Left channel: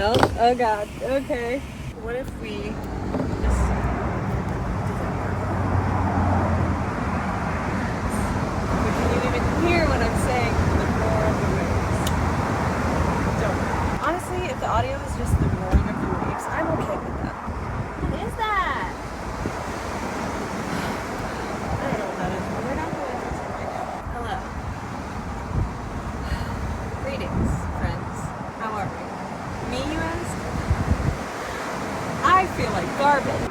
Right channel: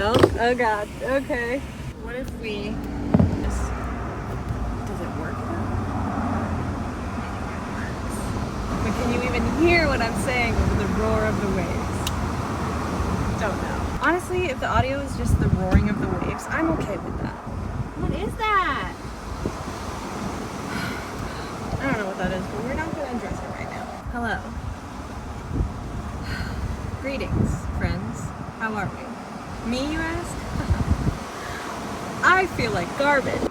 Oh god, okay. What if we just, does it work? But can you even hear what I'm saying over the roar of the waves? Don't know. Honestly, if the audio is just the roaring of the waves, I'm okay with that. What is that? I don't know what that is, but we're not going to address it right now. Hello. Greetings, friends. How are we? Me, you ask? I feel like garbage.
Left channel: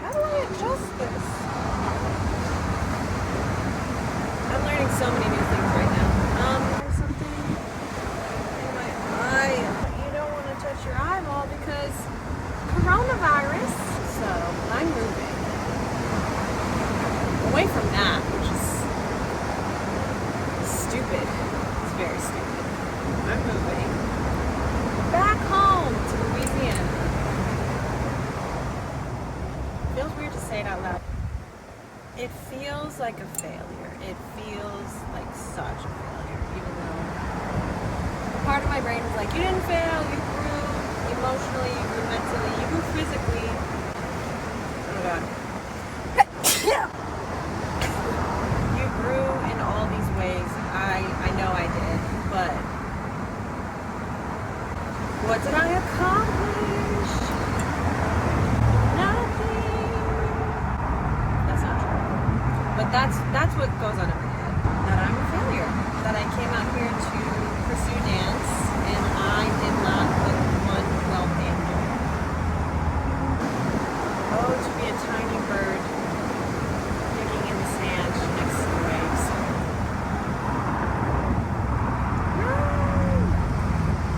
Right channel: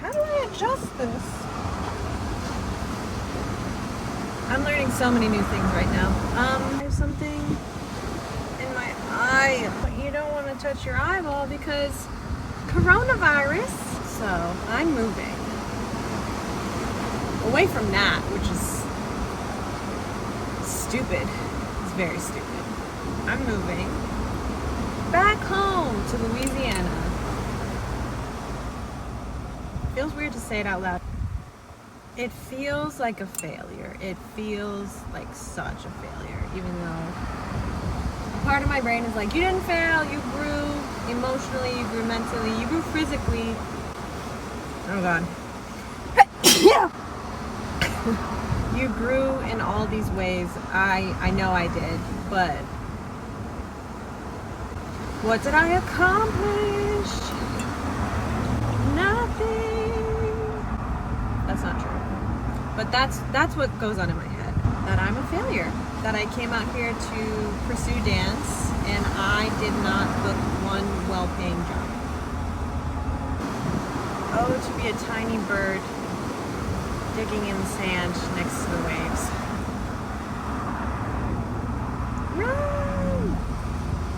How do I adjust this? I'm learning so many new things right now. There's something in my eye. But you don't want to touch your eyeball because coronavirus. So I'm moving away from that, which is stupid. It's very stupid. I'm moving back home to Louisiana. Feels weird to say it out loud. It feels like a failure. It feels like such a failure, even though a part of my brain is like, you didn't fail, you grew emotionally, you grew mentally, you grew physically. Oh god. You grew in all these ways. I know I did, but what did I accomplish? Nothing. That's not true. But that's what goes on in my head. That I'm a failure. That I came out here to pursue dance and I did not book one well-paying job. Oh, to be a tiny bird digging in the sand next to the waves. Run!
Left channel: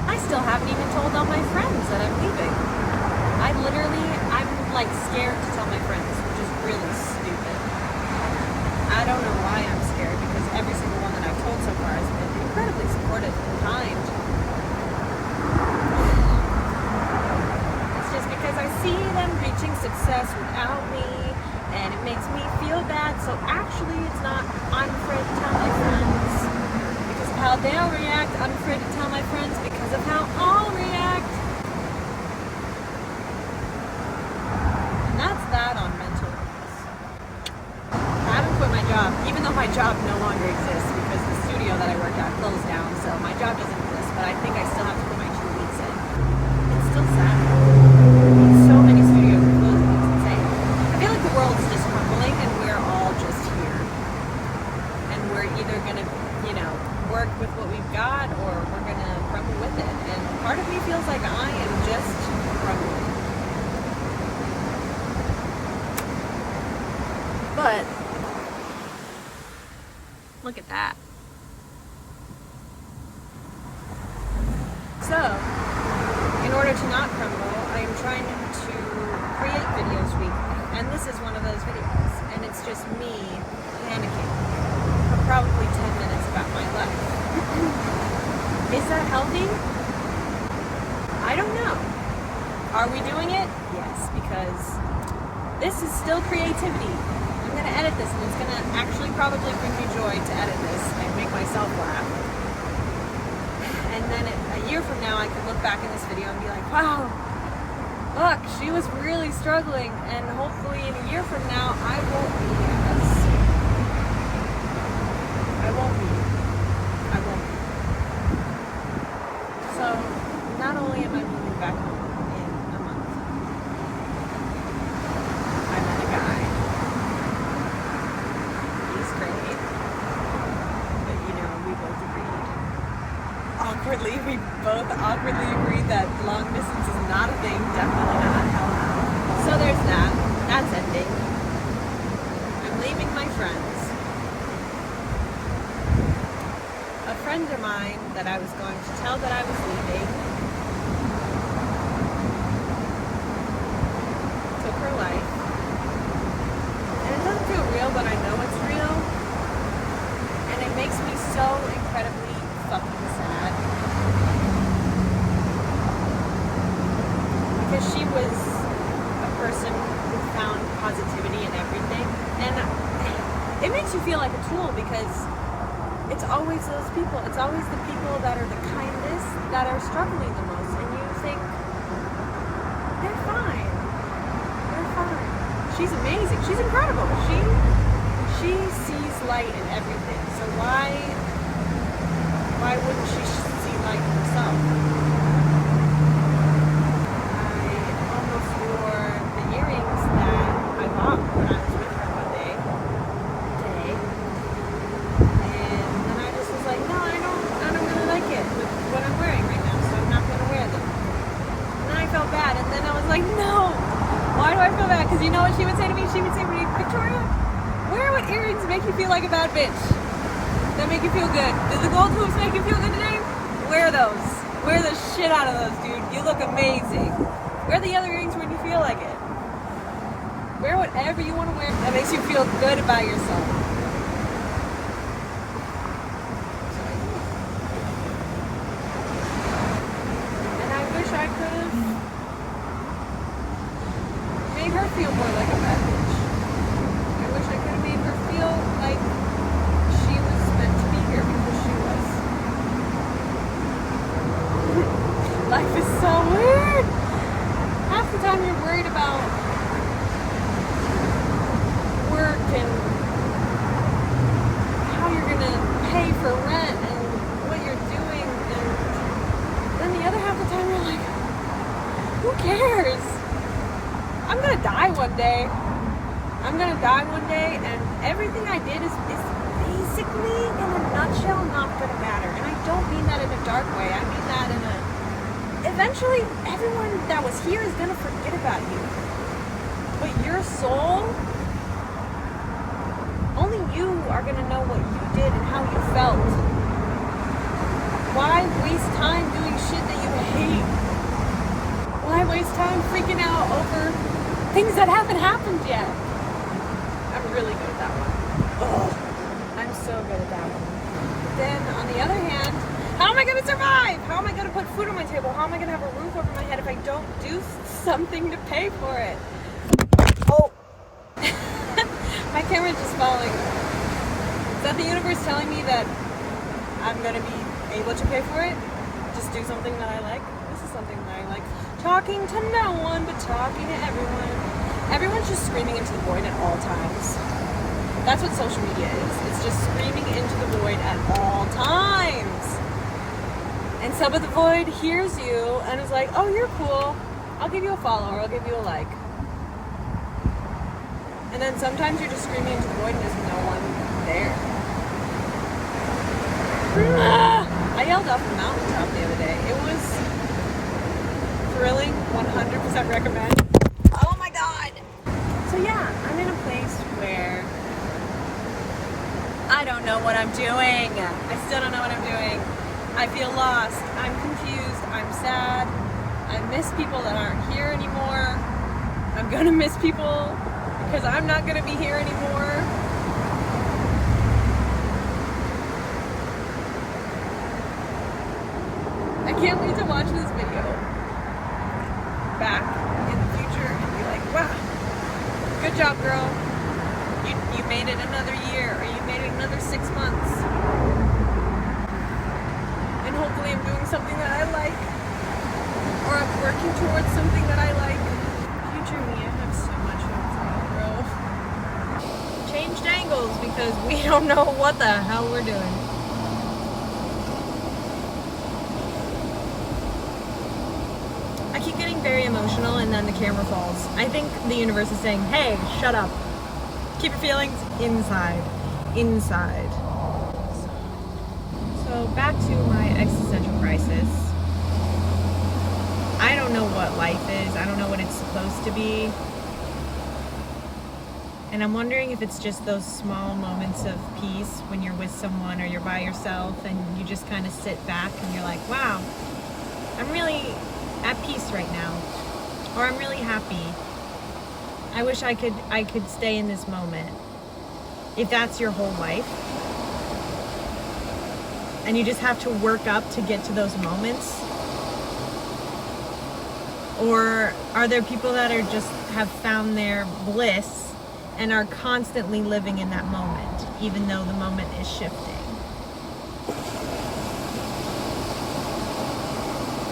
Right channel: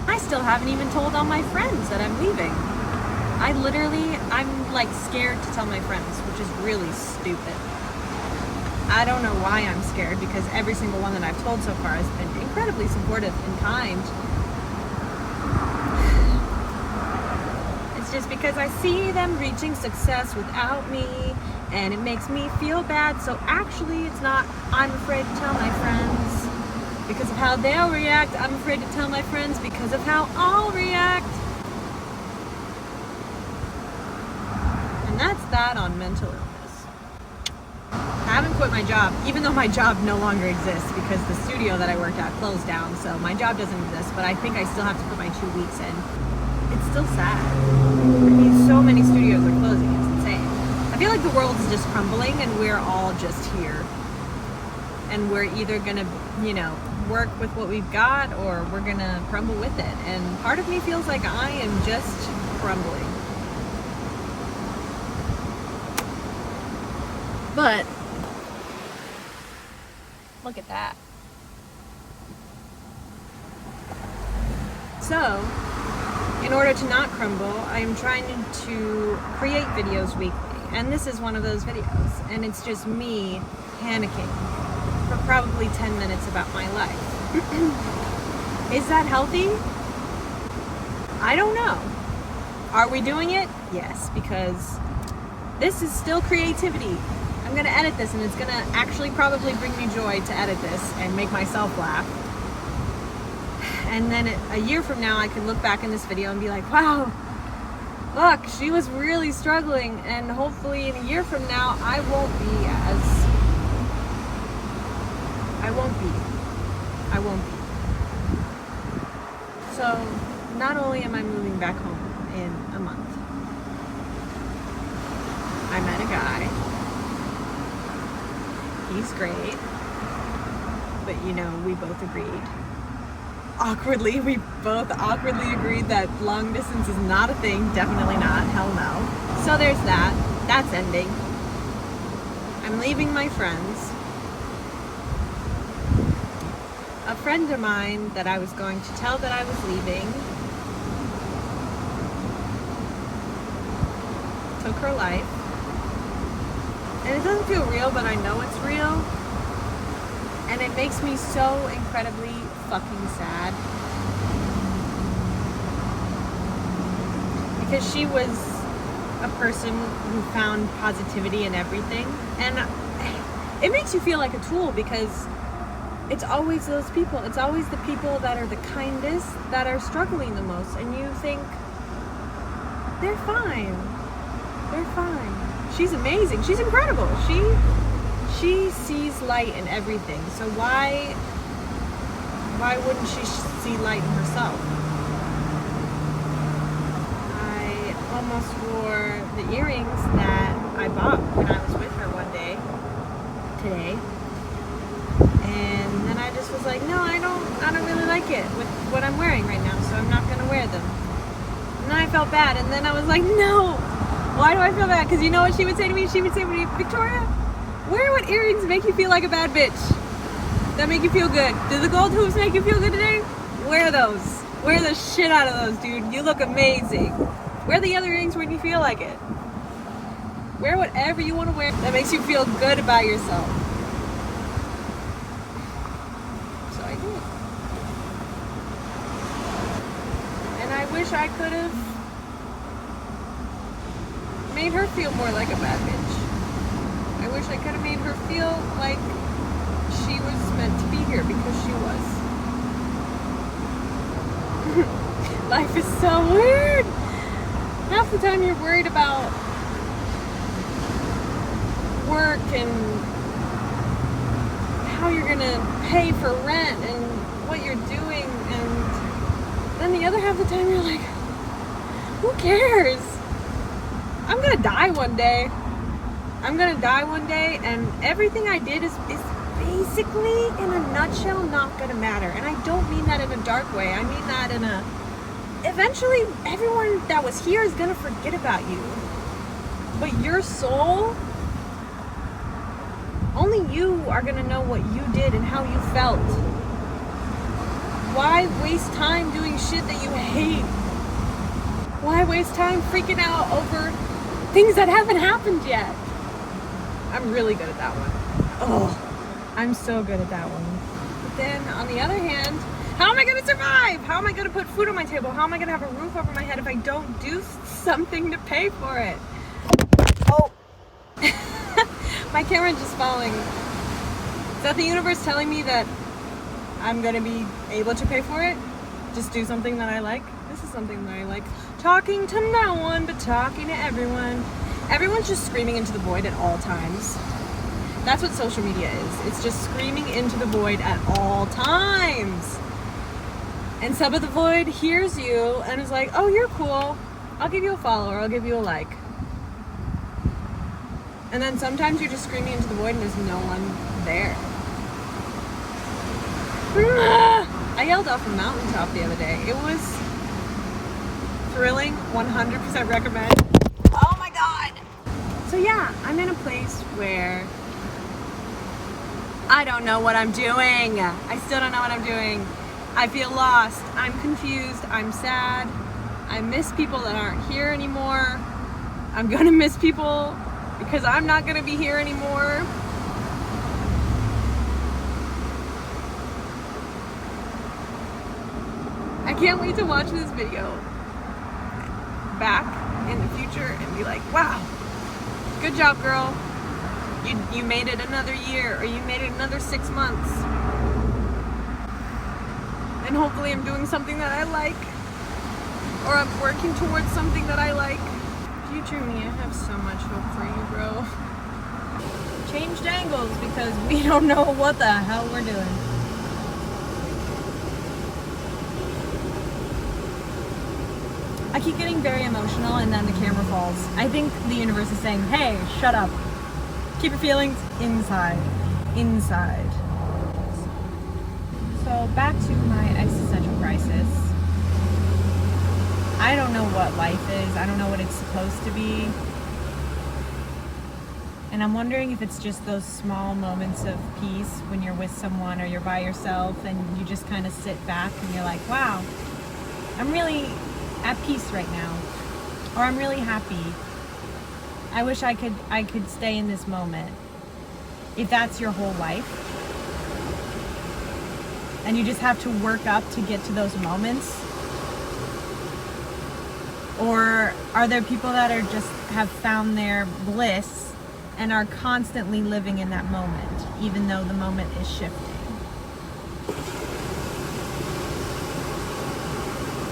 I still haven't even told all my friends that I'm leaving. I'm like scared to tell my friends, which is really stupid. I don't know why I'm scared because every single one that I've told so far has been incredibly supportive and kind. It's just because I see them reaching success without me and it makes me feel bad. So actually it's not, I'm afraid to tell my friends because of how they'll react. I'm afraid to tell my friends because of how I'll react. And that's that on mental illness. I haven't quit my job, even though my job no longer exists because the studio that I worked at closed down, so my job doesn't exist, but I think I still have to put my 2 weeks in. It's still sad. I mean, so many studios are closing, it's insane. I feel like the world is just crumbling and we're all just here. And we're either gonna, work with what we've got or we're gonna crumble with it. And part of me feels like I am just crumbling. But look at that. So, in order to not crumble, I am trying to create videos weekly. And this is one of those videos. And it's just me panicking for probably 10 minutes about my life. Is that healthy? I don't know. Are we doing it? Yes, because this is still creativity. I'm gonna edit this and it's gonna actually probably bring me joy to edit this and make myself laugh. And then a year from now I can look back in this video and be like, wow, look, she was really struggling, and hopefully in a year from now I won't be. So not only am I moving back home in a month, I met a guy. He's great, but we both agreed. We both awkwardly agreed that long distance is not a thing, definitely not, hell no. So there's that, that's ending. I'm leaving my friends. A friend of mine that I was going to tell that I was leaving took her life. And it doesn't feel real, but I know it's real. And it makes me so incredibly fucking sad. Because she was a person who found positivity in everything. And it makes you feel like a tool because it's always those people. It's always the people that are the kindest that are struggling the most. And you think, they're fine. They're fine. She's amazing. She's incredible. She sees light in everything. So why wouldn't she see light in herself? I almost wore the earrings that I bought when I was with her one day today. And then I just was like, no, I don't really like it with what I'm wearing right now, so I'm not gonna wear them. And then I felt bad, and then I was like, no. Why do I feel bad? Because you know what she would say to me? She would say to me, Victoria, wear what earrings make you feel like a bad bitch. That make you feel good. Do the gold hoops make you feel good today? Wear those. Wear the shit out of those, dude. You look amazing. Wear the other earrings when you feel like it. Wear whatever you want to wear that makes you feel good about yourself. So I do. And I wish I could have made her feel more like a bad bitch. I wish I could have made her feel like she was meant to be here, because she was. Life is so weird. Half the time you're worried about work and how you're gonna pay for rent and what you're doing, and then the other half of the time you're like, who cares? I'm gonna die one day. I'm gonna die one day, and everything I did is basically, in a nutshell, not gonna matter. And I don't mean that in a dark way. I mean that in a... Eventually, everyone that was here is gonna forget about you. But your soul, only you are gonna know what you did and how you felt. Why waste time doing shit that you hate? Why waste time freaking out over things that haven't happened yet? I'm really good at that one. Oh, I'm so good at that one. But then, on the other hand, how am I going to survive? How am I going to put food on my table? How am I going to have a roof over my head if I don't do something to pay for it? Oh. My camera's just falling. Is that the universe telling me that I'm going to be able to pay for it? Just do something that I like? This is something that I like. Talking to no one, but talking to everyone. Everyone's just screaming into the void at all times. That's what social media is. It's just screaming into the void at all times. And some of the void hears you and is like, oh, you're cool. I'll give you a follow or I'll give you a like. And then sometimes you're just screaming into the void and there's no one there. I yelled off a mountaintop the other day. It was thrilling, 100% recommend. Oh my God. So yeah, I'm in a place where I don't know what I'm doing. I still don't know what I'm doing. I feel lost. I'm confused. I'm sad. I miss people that aren't here anymore. I'm gonna miss people because I'm not gonna be here anymore. I can't wait to watch this video back in the future and be like, wow, good job, girl. You made it another year, or you made it another 6 months. And hopefully I'm doing something that I like, or I'm working towards something that I like. Future me, I have so much hope for you, bro. Changed angles because we don't know what the hell we're doing. I keep getting very emotional and then the camera falls. I think the universe is saying, hey, shut up. Keep your feelings inside. Inside. So back to my existential crisis. I don't know what life is. I don't know what it's supposed to be. And I'm wondering if it's just those small moments of peace when you're with someone or you're by yourself and you just kind of sit back and you're like, wow, I'm really at peace right now, or I'm really happy. I wish I could stay in this moment. If that's your whole life and you just have to work up to get to those moments, or are there people that are just have found their bliss and are constantly living in that moment even though the moment is shifting?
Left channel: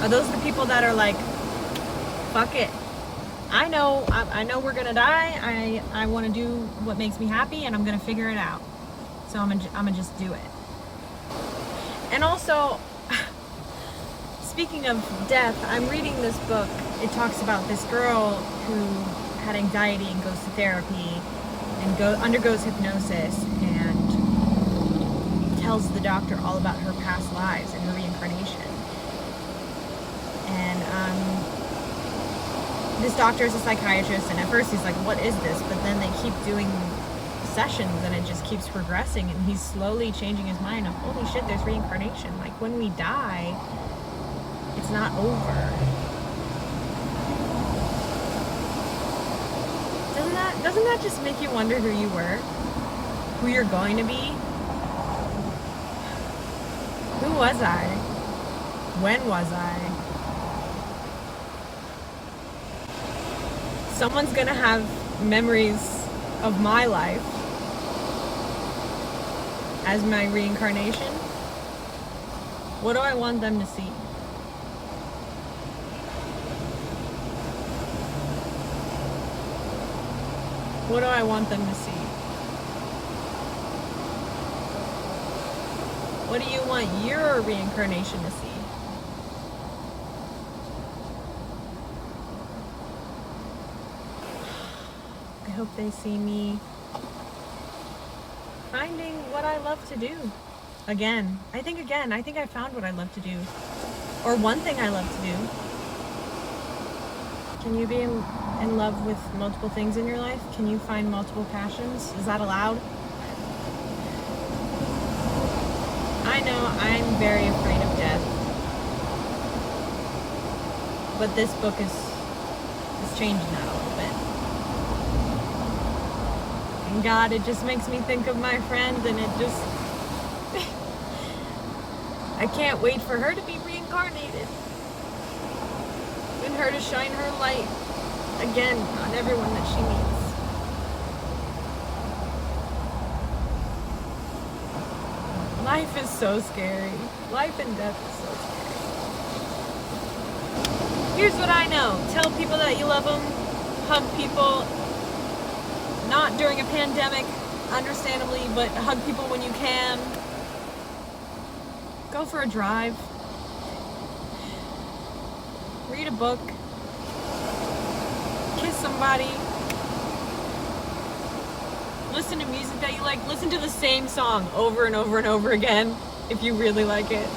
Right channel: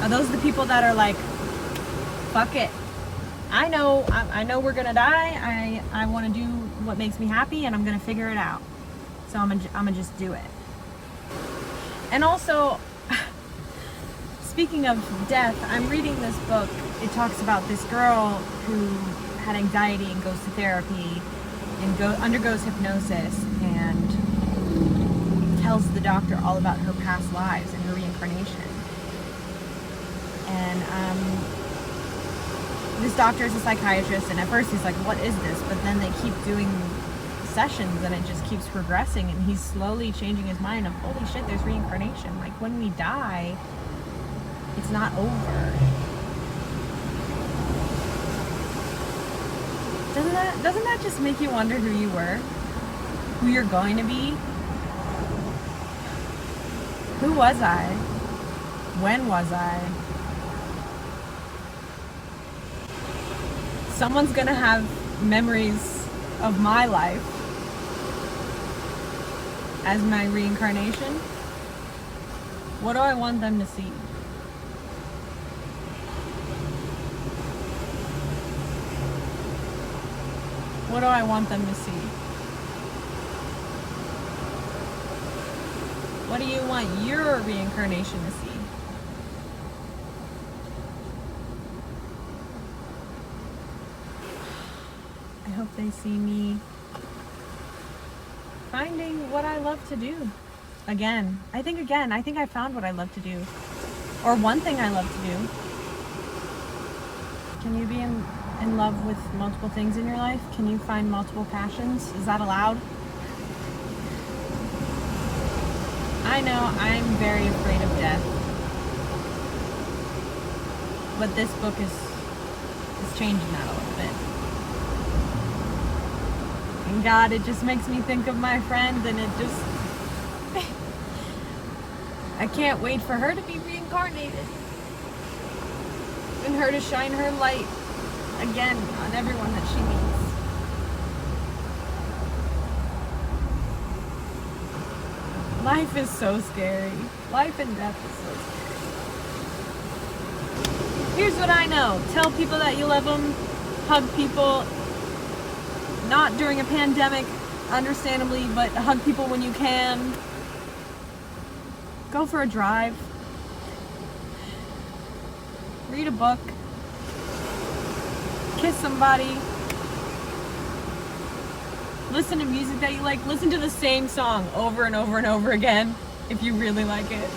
Are those the people that are like, fuck it, I know we're gonna die, I want to do what makes me happy, and I'm gonna figure it out, so I'm gonna just do it? And also, speaking of death, I'm reading this book. It talks about this girl who had anxiety and goes to therapy and undergoes hypnosis and tells the doctor all about her past lives and her reincarnation. And this doctor is a psychiatrist, and at first he's like, what is this? But then they keep doing sessions and it just keeps progressing, and he's slowly changing his mind of, holy shit, there's reincarnation. Like, when we die, it's not over. Doesn't that just make you wonder who you were? Who you're going to be? Who was I? When was I? Someone's gonna have memories of my life as my reincarnation. What do I want them to see? What do I want them to see? What do you want your reincarnation to see? I hope they see me finding what I love to do. Again, I think I found what I love to do. Or one thing I love to do. Can you be in love with multiple things in your life? Can you find multiple passions? Is that allowed? I know I'm very afraid of death. But this book is changing that a little bit. And God, it just makes me think of my friend, and it just... I can't wait for her to be reincarnated. And her to shine her light again on everyone that she meets. Life is so scary. Life and death is so scary. Here's what I know. Tell people that you love them. Hug people. Not during a pandemic, understandably, but hug people when you can. Go for a drive. Read a book. Kiss somebody. Listen to music that you like. Listen to the same song over and over and over again if you really like it.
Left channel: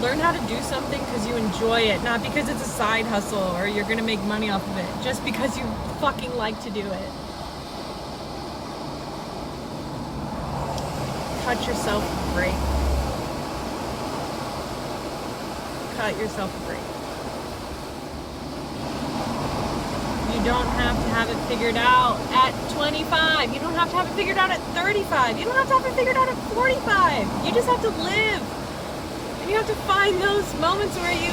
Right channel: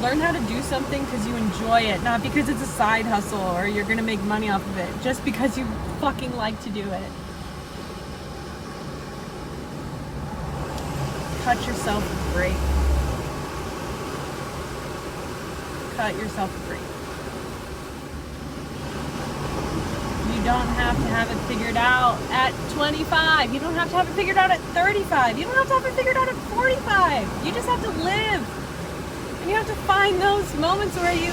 Learn how to do something because you enjoy it, not because it's a side hustle or you're gonna make money off of it, just because you fucking like to do it. Cut yourself a break. Cut yourself a break. You don't have to have it figured out at 25. You don't have to have it figured out at 35. You don't have to have it figured out at 45. You just have to live. And you have to find those moments where you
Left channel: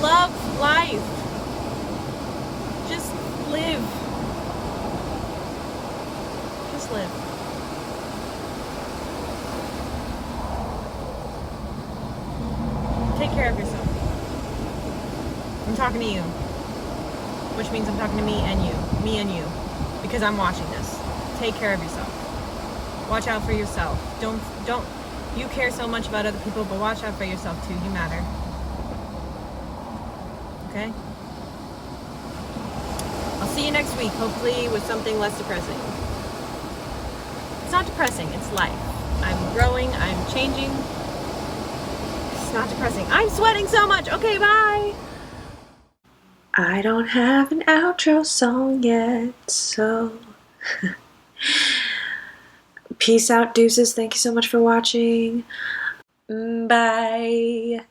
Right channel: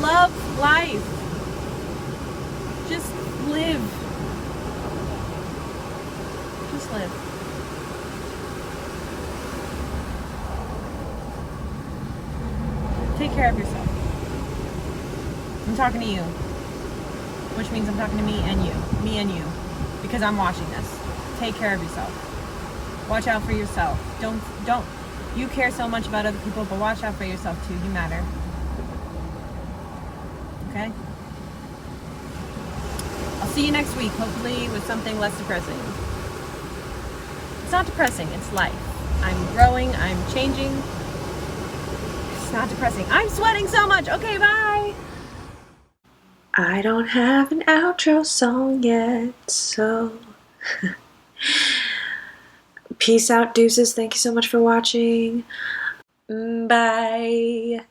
love life. Just live. Just live. Take care of yourself. I'm talking to you. Which means I'm talking to me and you. Me and you. Because I'm watching this. Take care of yourself. Watch out for yourself. Don't. You care so much about other people, but watch out for yourself too. You matter. Okay? I'll see you next week, hopefully with something less depressing. It's not depressing, it's life. I'm growing, I'm changing. It's not depressing. I'm sweating so much. Okay, bye. I don't have an outro song yet, so peace out, deuces. Thank you so much for watching. Bye.